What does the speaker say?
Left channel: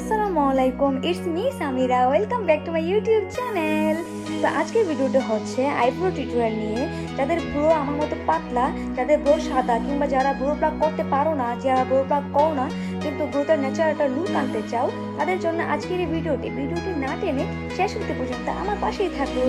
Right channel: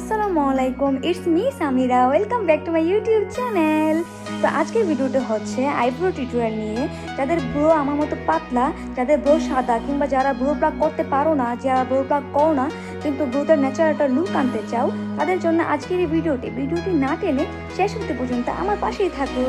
আসসালামু আলাইকুম, it's me Samira. Welcome back to my YouTube channel. তো আজকের ভিডিওটা হচ্ছে আইব্রো টিউটোরিয়াল নিয়ে। যাদের ব্রো আমার মতো পাতলা, যাদের ব্রো সাদা, কিংবা যারা ব্রো প্লাক করতে পারো না, যারা ব্রো প্লাক করো না কিন্তু ব্রোটার ন্যাচারাল একটা লুক আনতে চাও, তাদের জন্য আজকের এই ভিডিওটি না টেনে শেষ করতে পর্যন্ত আমার পাশেই থাকুন।